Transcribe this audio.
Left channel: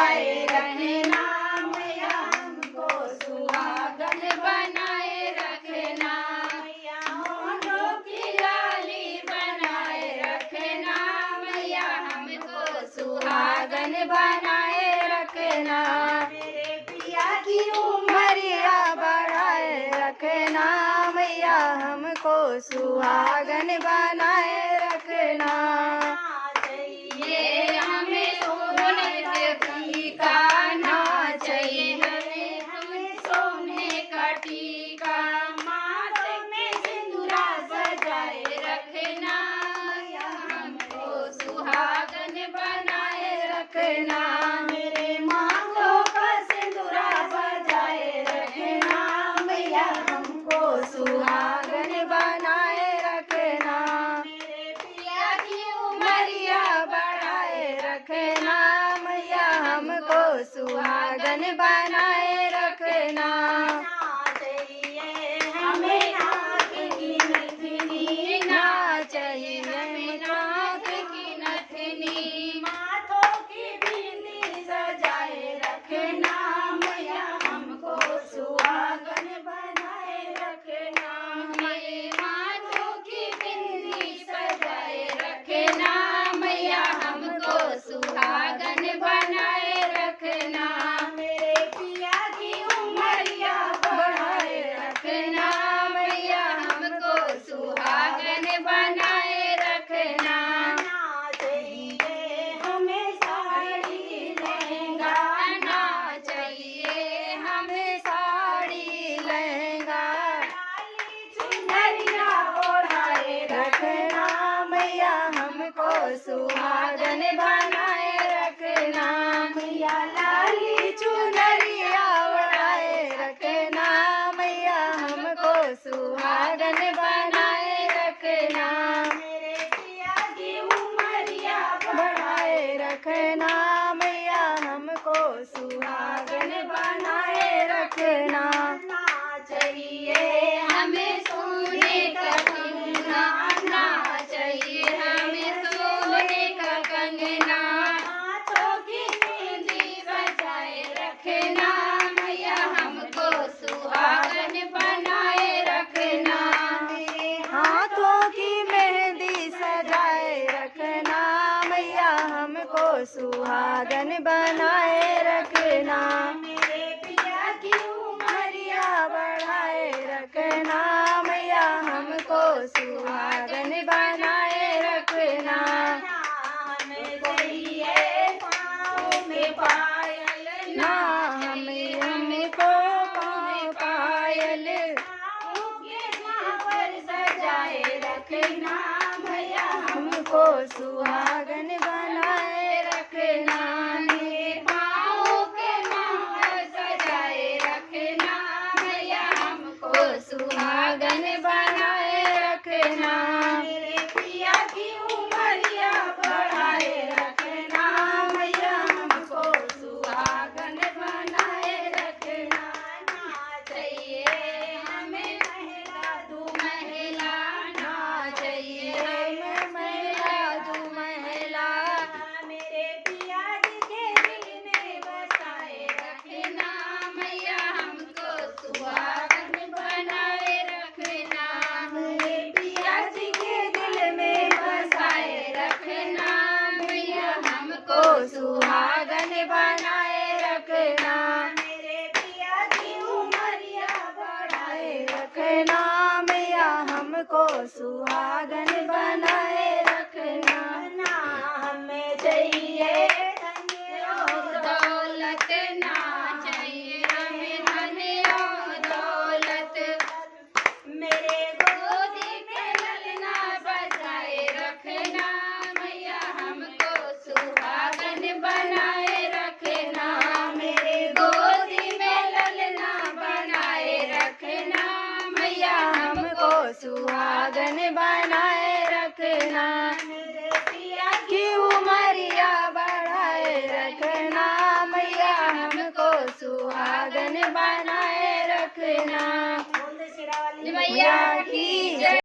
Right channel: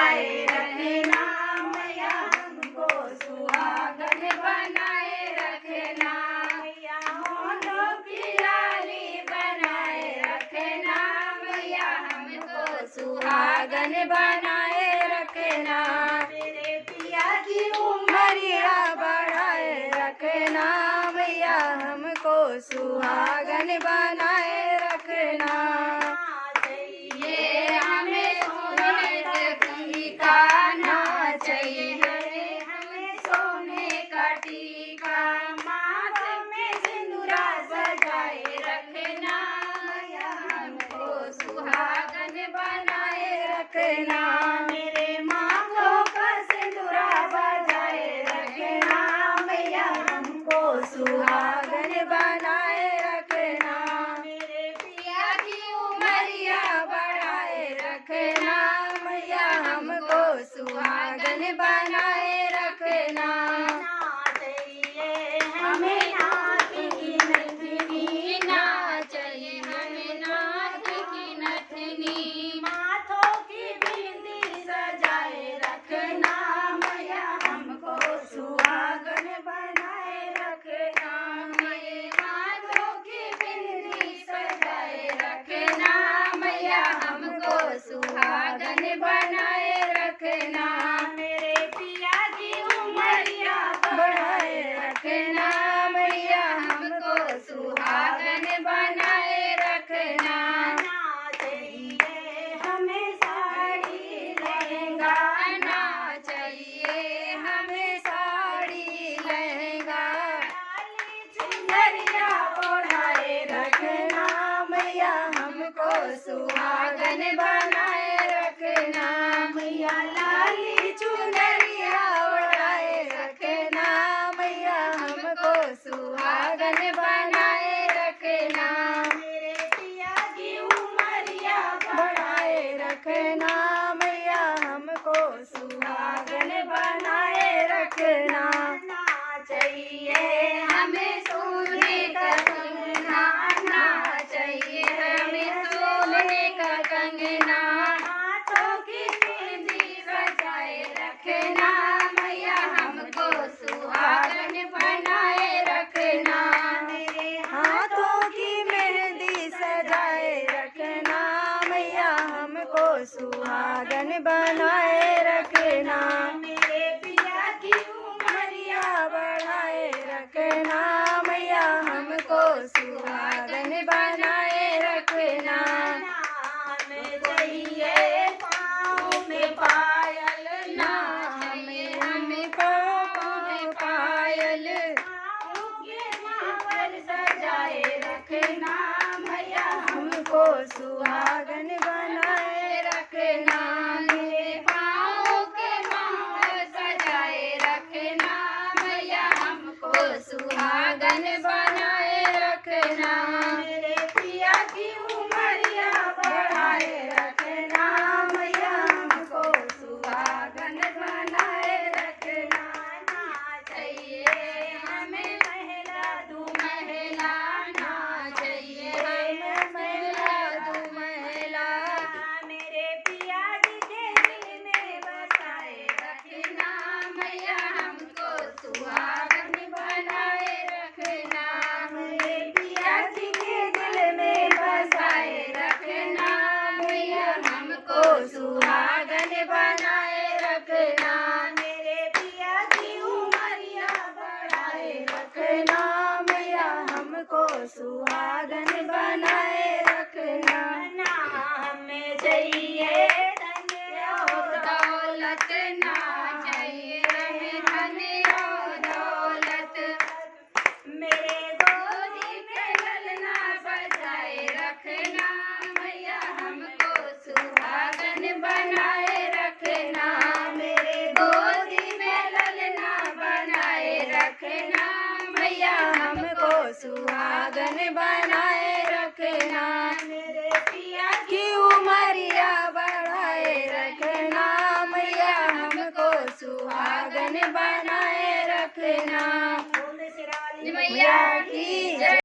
बढ़ाए रखना मैया हमको सुहागन बनाए रखना मैया होठों की लाली बनाए रखना मैया हमको सुहागन बनाए रखना मेरे पिया की उमरिया बढ़ाए रखना मैया हमको सुहागन बनाए रखना चाहिए हमें सोने का ना चाहिए हमें सोने का टीका माथे में सिंदूरा सजाए रखना मैया हमको सुहागन बनाए रखना मेरे माथों पर सिंदूरा सजाए रखना मैया हमको सुहागन बनाए रखना मेरे पिया की उमरिया बढ़ाए रखना मैया हमको सुहागन बनाए रखना चाहिए हमें नाक की नथनी ना चाहिए हमें नाक की नथनी माथों की बिंदी सजाए रखना मैया हमको सुहागन बनाए रखना मेरे माथों की बिंदी सजाए रखना मैया हमको सुहागन बनाए रखना मेरे पिया की उमरिया बढ़ाए रखना मैया हमको सुहागन बनाए रखना चाहिए हमें साड़ी लहंगा ना चाहिए हमें साड़ी लहंगा चुनरिया ओढ़ाए रखना मैया हमको सुहागन बनाए रखना मैया लाली चुनरिया ओढ़ाए रखना मैया हमको सुहागन बनाए रखना मेरे पिया की उमरिया बढ़ाए रखना मैया हमको सुहागन बनाए रखना चाहिए हमें सोने का कंगना ना चाहिए हमें सोने का कंगना हाथों की मेहंदी बजाए रखना मैया हमको सुहागन बनाए रखना हाथों की मेहंदी सजाए रखना मैया हमको सुहागन बनाए रखना मेरे पिया की उमरिया बढ़ाए रखना मैया हमको सुहागन बनाए रखना हमें चाहिए पाँव में पायल ना हमें हमको पाँव पायल सजाए रखना मैया हमको सुहागन बनाए रखना मेरे पाँव के माला सजाए रखना मैया हमको सुहागन बनाए रखना मेरे पिया की उमरिया बढ़ाए रखना मैया हमको सुहागन बनाए रखना चाहिए हमें महिला दू महिला ना चाहिए हमें महिला दू महिला मेरे पिया जी के दिल में बसाए रखना मैया हमको सुहागन बनाए रखना मेरे पिया जी के दिल में बसाए रखना मैया हमको सुहागन बनाए रखना मेरे पिया की उमरिया बढ़ाए रखना मैया हमको सुहागन बनाए रखना हमें चाहिए धन और दौलत ना चाहिए हमें धन और दौलत मेरे गोदी में ललना बजाए रखना मैया हमको सुहागन बनाए रखना मेरे गोदी में ललना बनाए रखना मैया हमको सुहागन बनाए रखना मेरे पिया की उमरिया बढ़ाए रखना मैया हमको सुहागन बनाए रखना मैया की जय।